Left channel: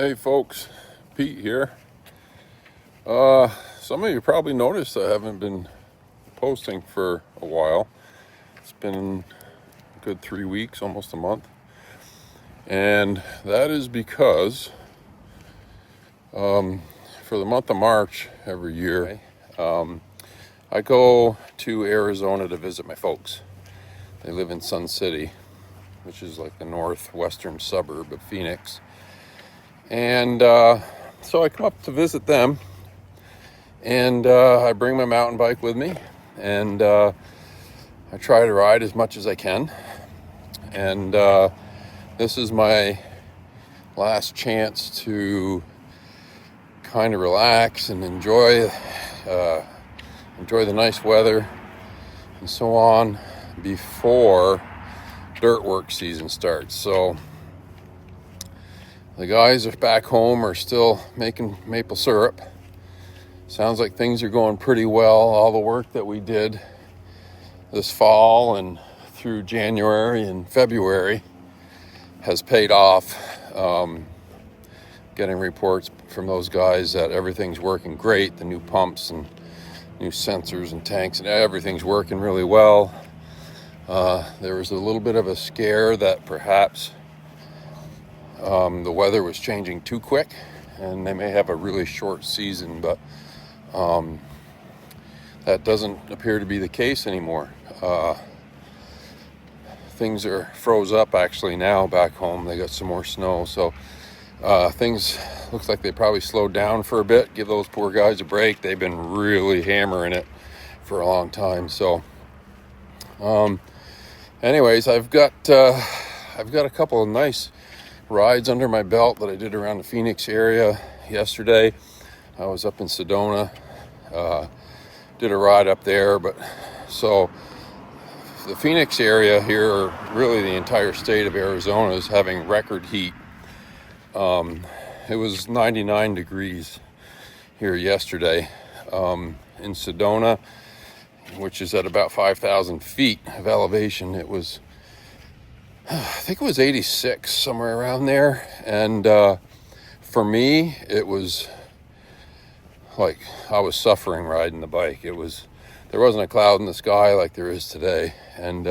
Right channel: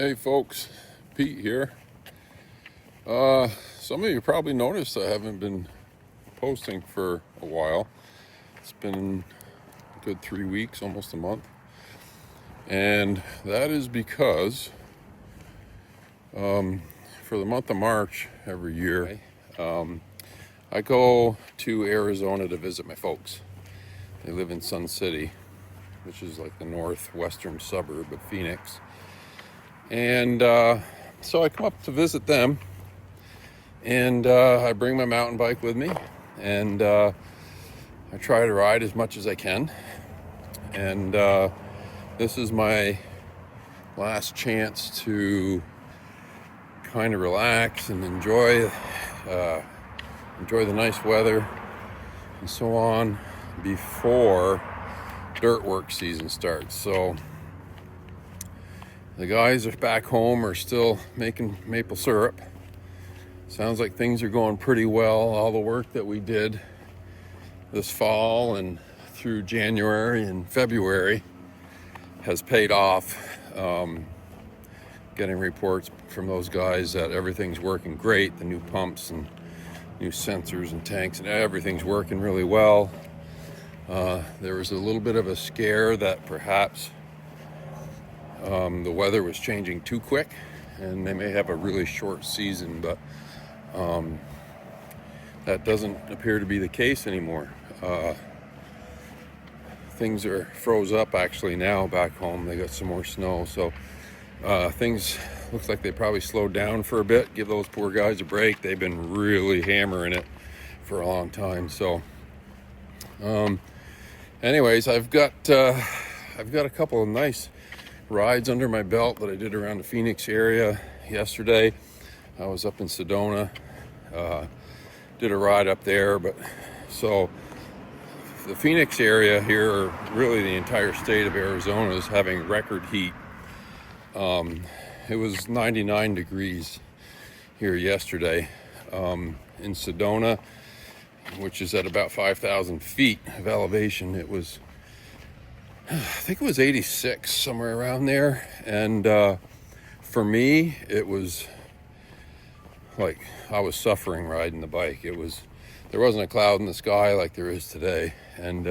Hey folks, Pete here. Some of you probably noticed I haven't been posting for a while. It's been a good 3 weeks, almost a month. And that is because for the month of March every year, I go to Arizona to visit my folks. They live in Sun City, which is like the northwestern suburb of Phoenix. And so I come up to visit them, and I bring my mountain bike with me, and I try to ride as much as I can. And this is my last chance to kind of relax and enjoy the nice weather and so on before dirt work season starts. So the guys back home are still making maple syrup. Sounds like things are going pretty well. All the work that we did this fall and through January and February has paid off. Getting reports from those guys that everything's working great. The new pumps and new sensors and tanks and everything's working really well. There was a little bit of a scare that perhaps the weather was changing too quick and they may have a really short season, but that doesn't appear to be the case anymore. Things are froze up actually now back home. They got some more snow, so things looks like they probably slowed down for a bit. Give those poor guys a break. They've been really hammering it for a long time. So anyways, I've got a couple of nice rides under my belt that I did around the Phoenix area yesterday. I was up in Sedona, did a ride up there, but so the Phoenix area here, or really the entire state of Arizona, is having record heat. It was 99 degrees here yesterday. In Sedona, which is at about 5,000 feet of elevation, it was, I think it was 86, somewhere around there. And for me, it was like I was suffering riding the bike. There wasn't a cloud in the sky like there is today. And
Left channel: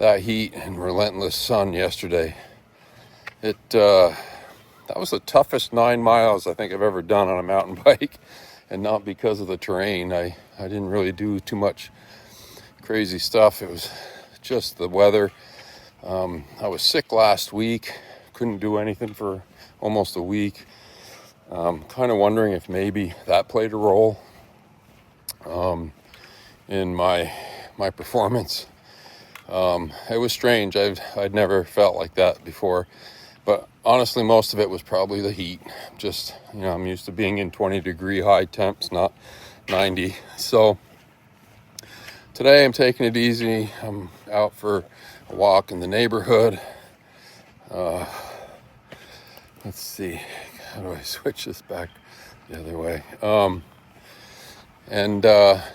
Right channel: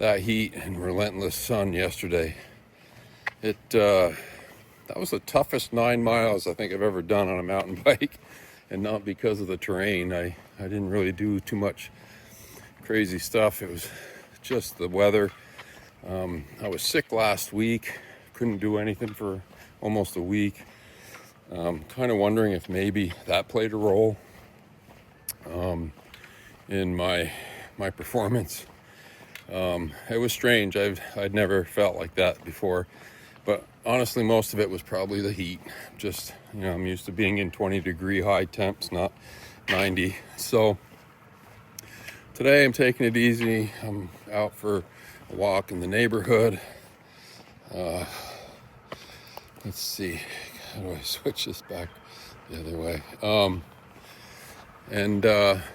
that heat and relentless sun yesterday, that was the toughest 9 miles I think I've ever done on a mountain bike. And not because of the terrain. I didn't really do too much crazy stuff. It was just the weather. I was sick last week, couldn't do anything for almost a week. Kind of wondering if maybe that played a role in my performance. It was strange. I'd never felt like that before, but honestly, most of it was probably the heat. Just, I'm used to being in 20-degree high temps, not 90. So today I'm taking it easy. I'm out for a walk in the neighborhood. Let's see, how do I switch this back the other way?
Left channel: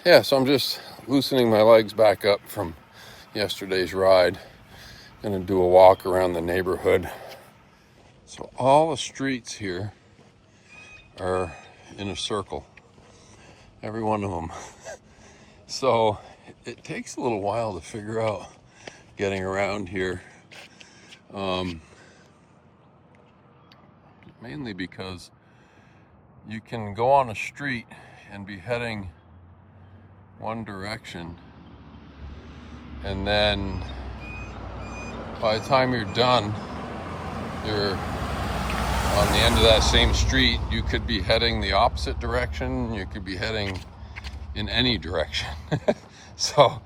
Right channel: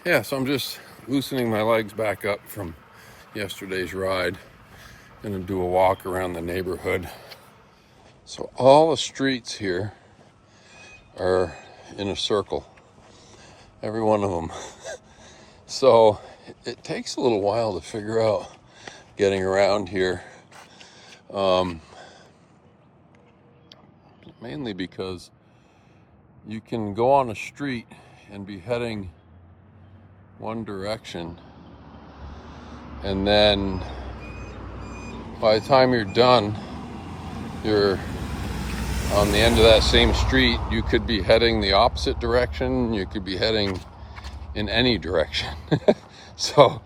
Yeah, so I'm just loosening my legs back up from yesterday's ride. Gonna do a walk around the neighborhood. So all the streets here are in a circle, every one of them. So it takes a little while to figure out getting around here, mainly because you can go on a street and be heading one direction, and then by the time you're done, you're on the end of that same street. You could be heading the opposite direction. You could be heading in any direction. So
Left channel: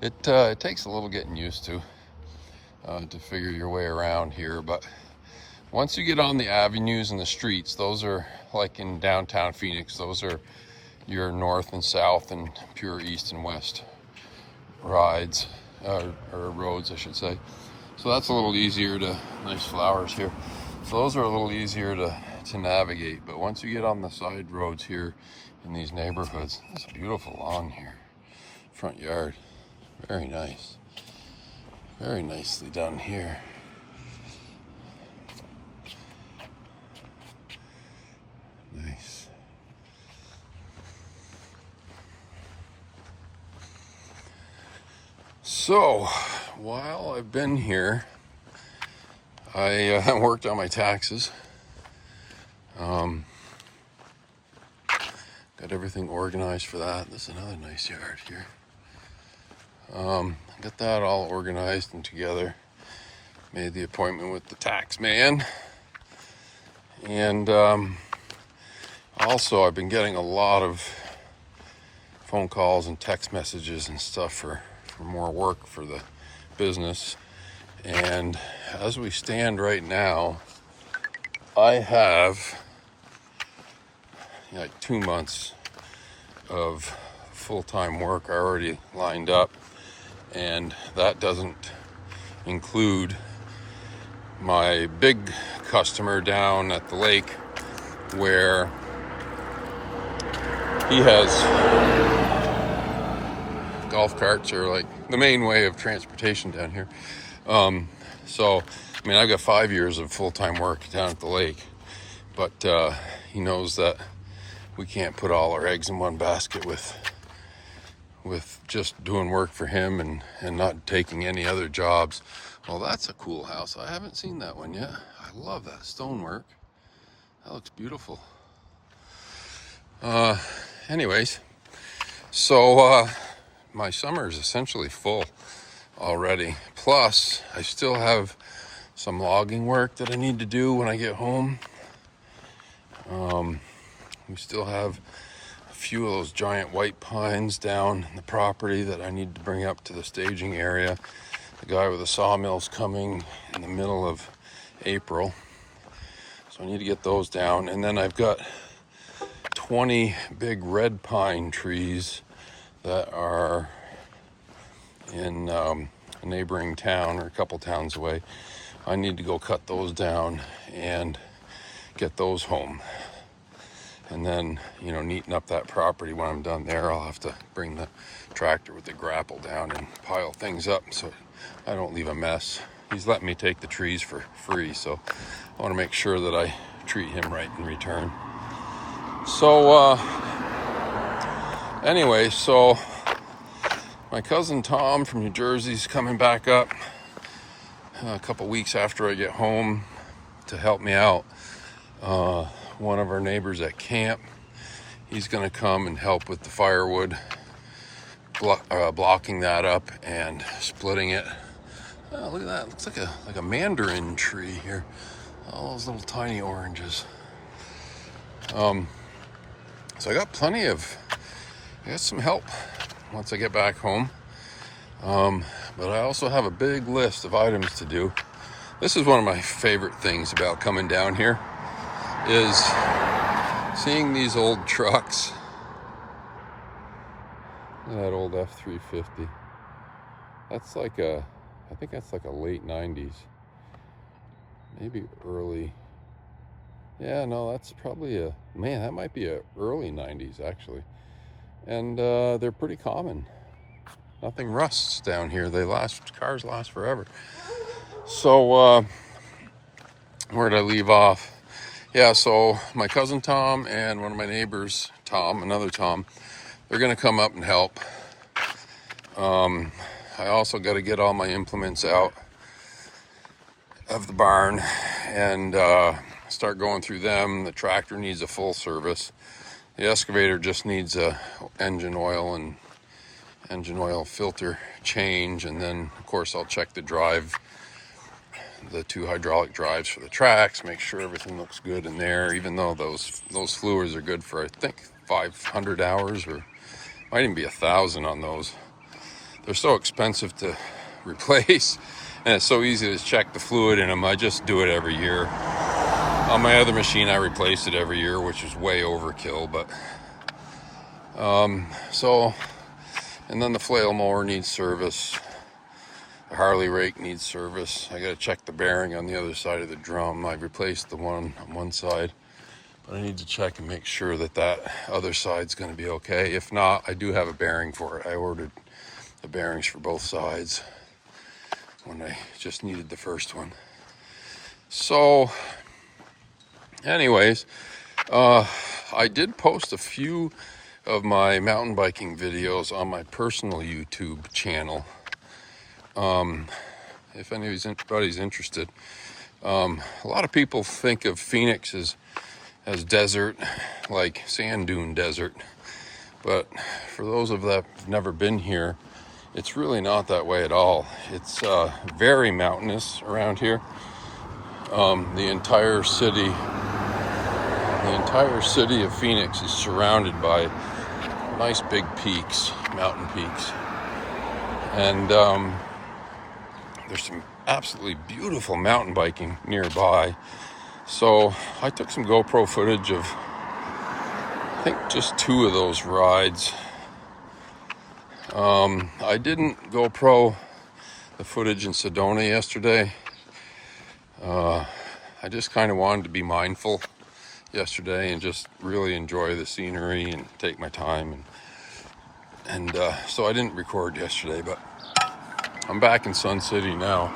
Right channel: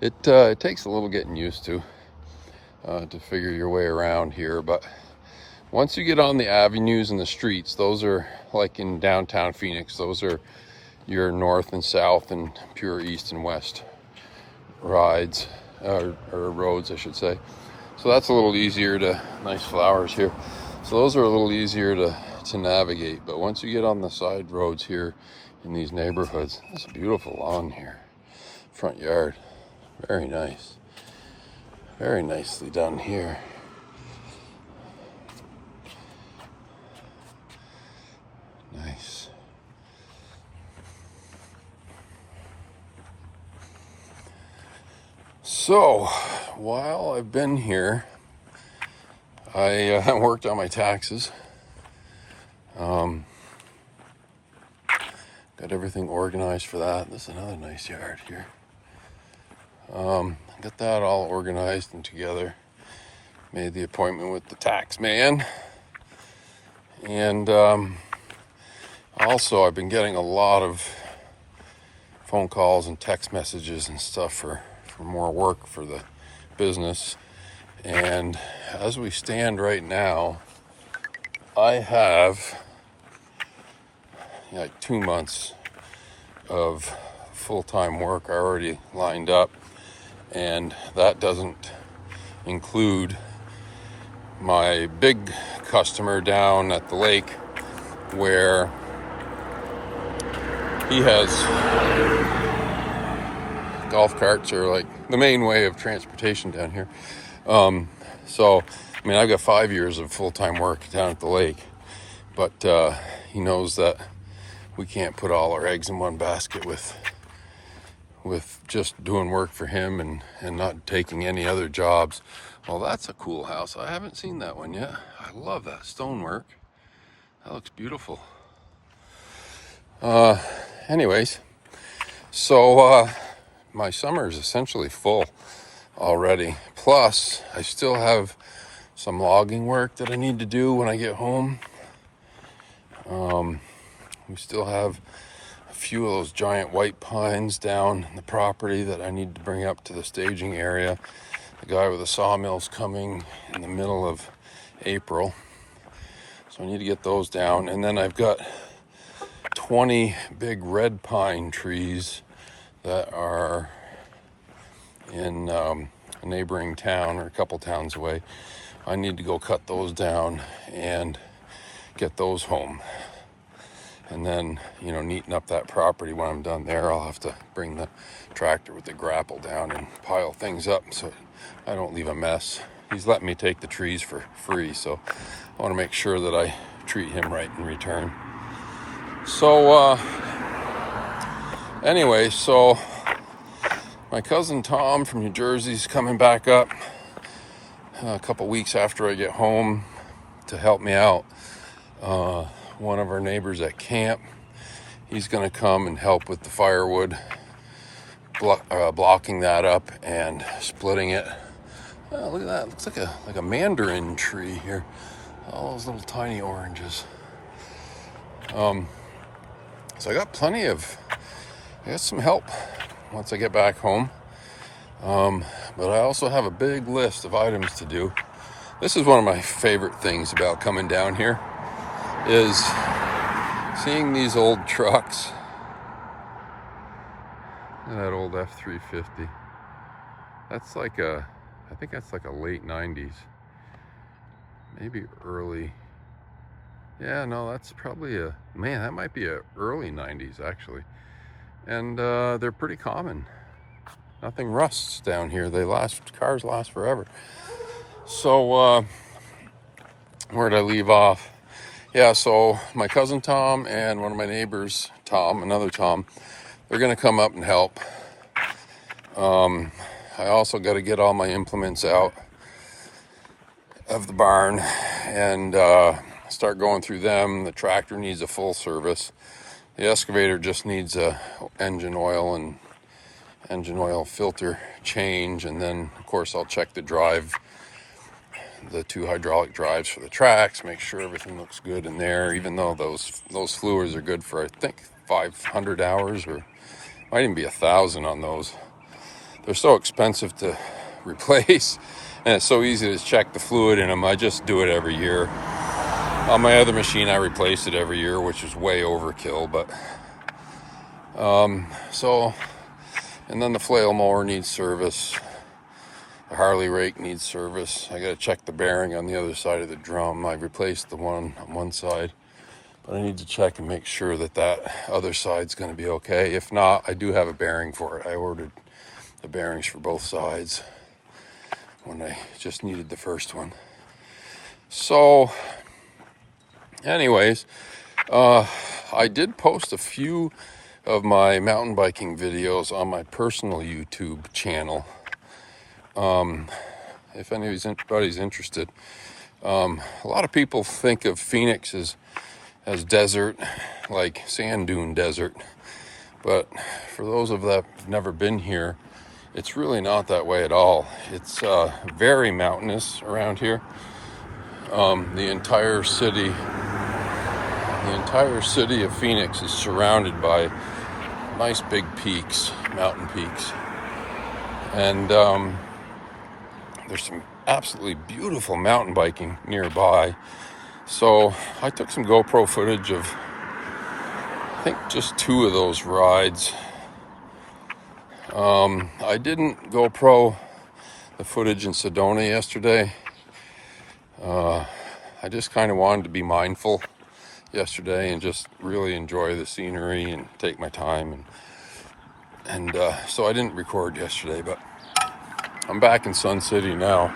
it takes a little getting used to figure your way around here. But once you get on the avenues and the streets, those are like in downtown Phoenix. Those are your north and south and pure east and west rides, or roads, I should say. So that's a little easier nice flowers here. So those are a little easier to navigate. But once you get on the side roads here in these neighborhoods, it's a beautiful lawn here. Front yard, very nice. Very nicely done here. So, while I've been here, I worked on my taxes. Got everything organized for that. This is another nice yard here. Got that all organized and together. Made the appointment with the tax man. And also, I've been getting a lot of phone calls and text messages and stuff for more work for the business. And as we stand right now, I have like 2 months of full-time work already lined up, and that doesn't include my big customer down at the lake where he has golf carts are like the main way of transportation down here. So, I mean, I've got 5 years of full-time work down at the lake, but he knows that we can't put all our eggs in one basket with just doing work for him and not taking any other jobs. Well, that's a cool house. I haven't seen that one yet. I love that stonework. That looks beautiful. Anyways, so my summer is essentially full already. Plus, I still have some logging work that I need to do when I get home. We still have a few of those giant white pines down the property that I need to bring up to the staging area. The guy with the sawmill's coming in the middle of April, so I need to get those down. And then I've got 20 big red pine trees that are in a neighboring town or a couple towns away. I need to go cut those down and get those home. And then, neaten up that property. When I'm done there, I'll have to bring the tractor with the grapple down and pile things up so I don't leave a mess. He's letting me take the trees for free, so I want to make sure that I treat him right in return. So, anyway, so my cousin Tom from New Jersey is coming back up a couple weeks after I get home to help me out. One of our neighbors at camp, he's going to come and help with the firewood, blocking that up and splitting it. Oh, look at that. It looks like a mandarin tree here. All those little tiny oranges. So I got some help once I get back home. But I also have a big list of items to do. This is one of my favorite things about coming down here, is seeing these old trucks. Look at that old F-350. That's like I think that's like a late 90s. Maybe early. Yeah, no, that's probably that might be a early 90s actually. And they're pretty common. Nothing rusts down here. Cars last forever. So, where'd I leave off? Yeah, so my cousin Tom and one of my neighbors, another Tom, they're going to come up and help. I also got to get all my implements out of the barn and start going through them. The tractor needs a full service. The excavator just needs a engine oil filter change, and then of course I'll check the 2 hydraulic drives for the tracks, make sure everything looks good in there, even though those fluids are good for I think 500 hours, or might even be 1,000 on those. They're so expensive to replace, and it's so easy to check the fluid in them. I just do it every year. On my other machine I replace it every year, which is way overkill, but and then the flail mower needs service. The Harley rake needs service. I gotta check the bearing on the other side of the drum. I've replaced the one on one side, but I need to check and make sure that other side's gonna be okay. If not, I do have a bearing for it. I ordered the bearings for both sides when I just needed the first one. So, anyways, I did post a few of my mountain biking videos on my personal YouTube channel. if anybody's interested. A lot of people think of Phoenix as desert, like sand dune desert. But for those of that who've never been here, it's really not that way at all. It's very mountainous around here. The entire city of Phoenix is surrounded by nice big peaks, mountain peaks. And there's some absolutely beautiful mountain biking nearby. So I took some GoPro footage of, I think, just 2 of those rides. I didn't GoPro the footage in Sedona yesterday. I just kind of wanted to be mindful yesterday and just really enjoy the scenery and take my time. And so I didn't record yesterday, but I'm back in Sun City now.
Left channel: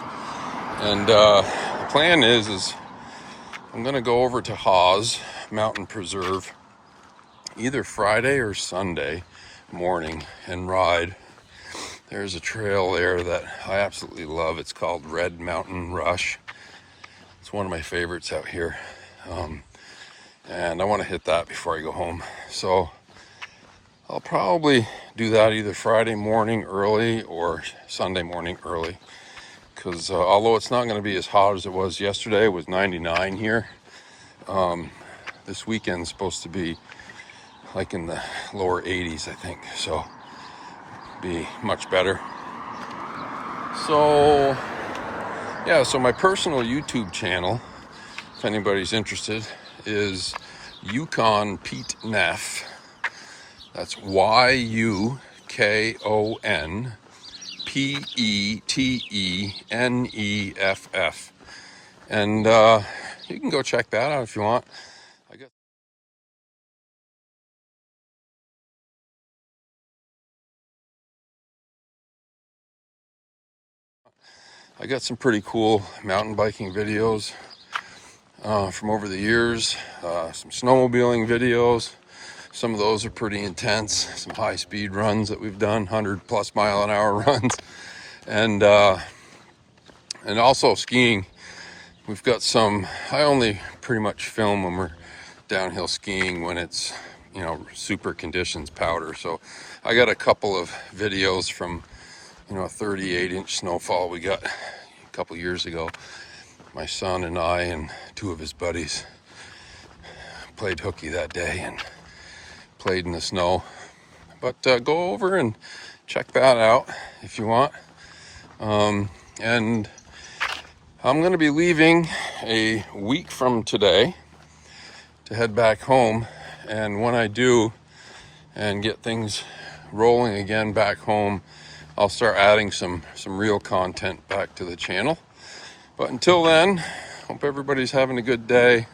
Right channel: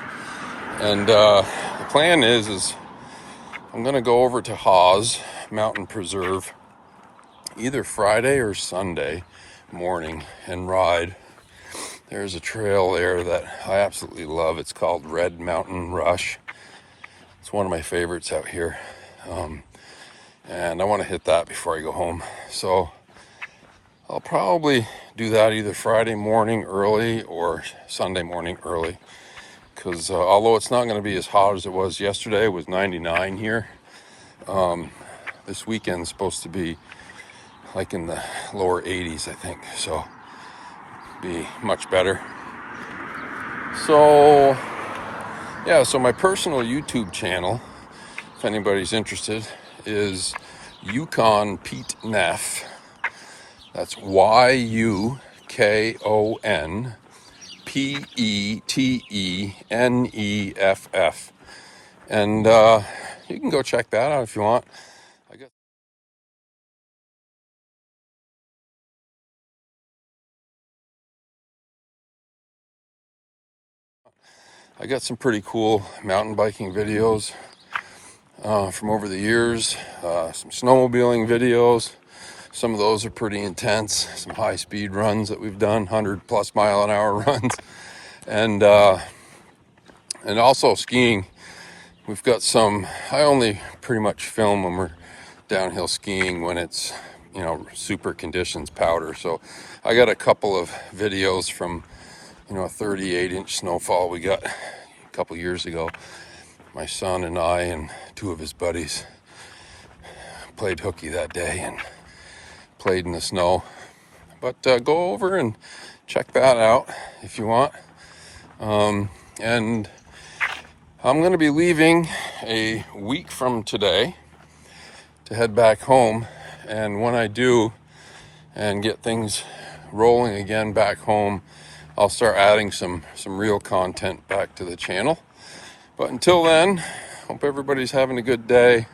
And the plan is I'm going to go over to Hawes Mountain Preserve either Friday or Sunday morning and ride. There's a trail there that I absolutely love. It's called Red Mountain Rush. It's one of my favorites out here. And I want to hit that before I go home. So I'll probably do that either Friday morning early or Sunday morning early. Because although it's not going to be as hot as it was yesterday, it was 99 here. This weekend's supposed to be like in the lower 80s, I think. So be much better. So yeah, so my personal YouTube channel, if anybody's interested, is Yukon Pete Neff. That's YUKONPETENEFF. And you can go check that out if you want. I got some pretty cool mountain biking videos from over the years, some snowmobiling videos. Some of those are pretty intense, some high speed runs that we've done, 100+ mile an hour runs. And also skiing. We've got some, I only pretty much film when we're downhill skiing when it's, super conditions, powder. So I got a couple of videos from, a 38-inch snowfall we got a couple years ago. My son and I and 2 of his buddies played hooky that day and played in the snow. But go over and check that out if you want. And I'm going to be leaving a week from today to head back home. And when I do and get things rolling again back home, I'll start adding some real content back to the channel. But until then, hope everybody's having a good day.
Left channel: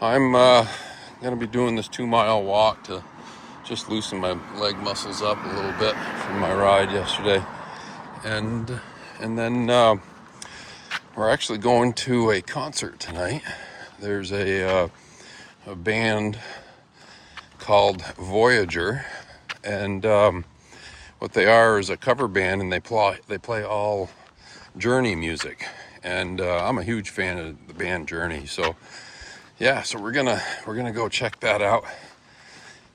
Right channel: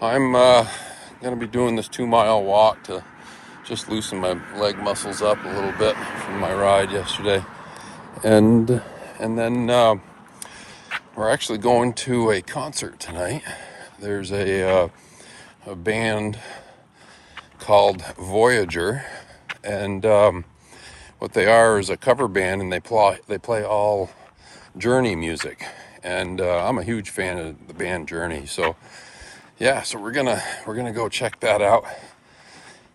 I'm going to be doing this 2-mile walk to just loosen my leg muscles up a little bit from my ride yesterday. And then we're actually going to a concert tonight. There's a band called Voyager, and what they are is a cover band, and they play all Journey music. And I'm a huge fan of the band Journey. So yeah, so we're gonna go check that out.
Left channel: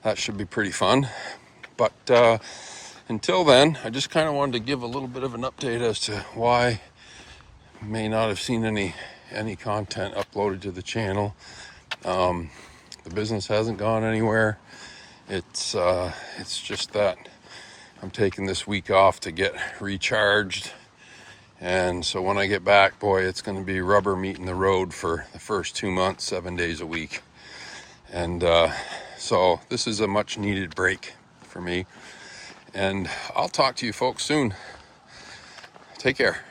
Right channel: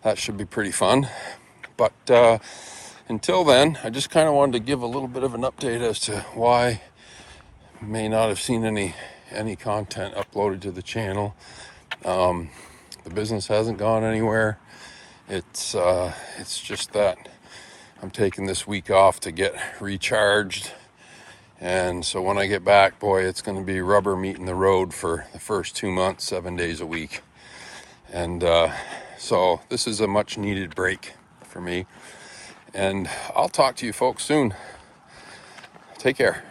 That should be pretty fun. But until then, I just kind of wanted to give a little bit of an update as to why you may not have seen any content uploaded to the channel. The business hasn't gone anywhere. It's just that I'm taking this week off to get recharged. And so when I get back, boy, it's going to be rubber meeting the road for the first 2 months, 7 days a week. And so this is a much needed break for me. And I'll talk to you folks soon. Take care.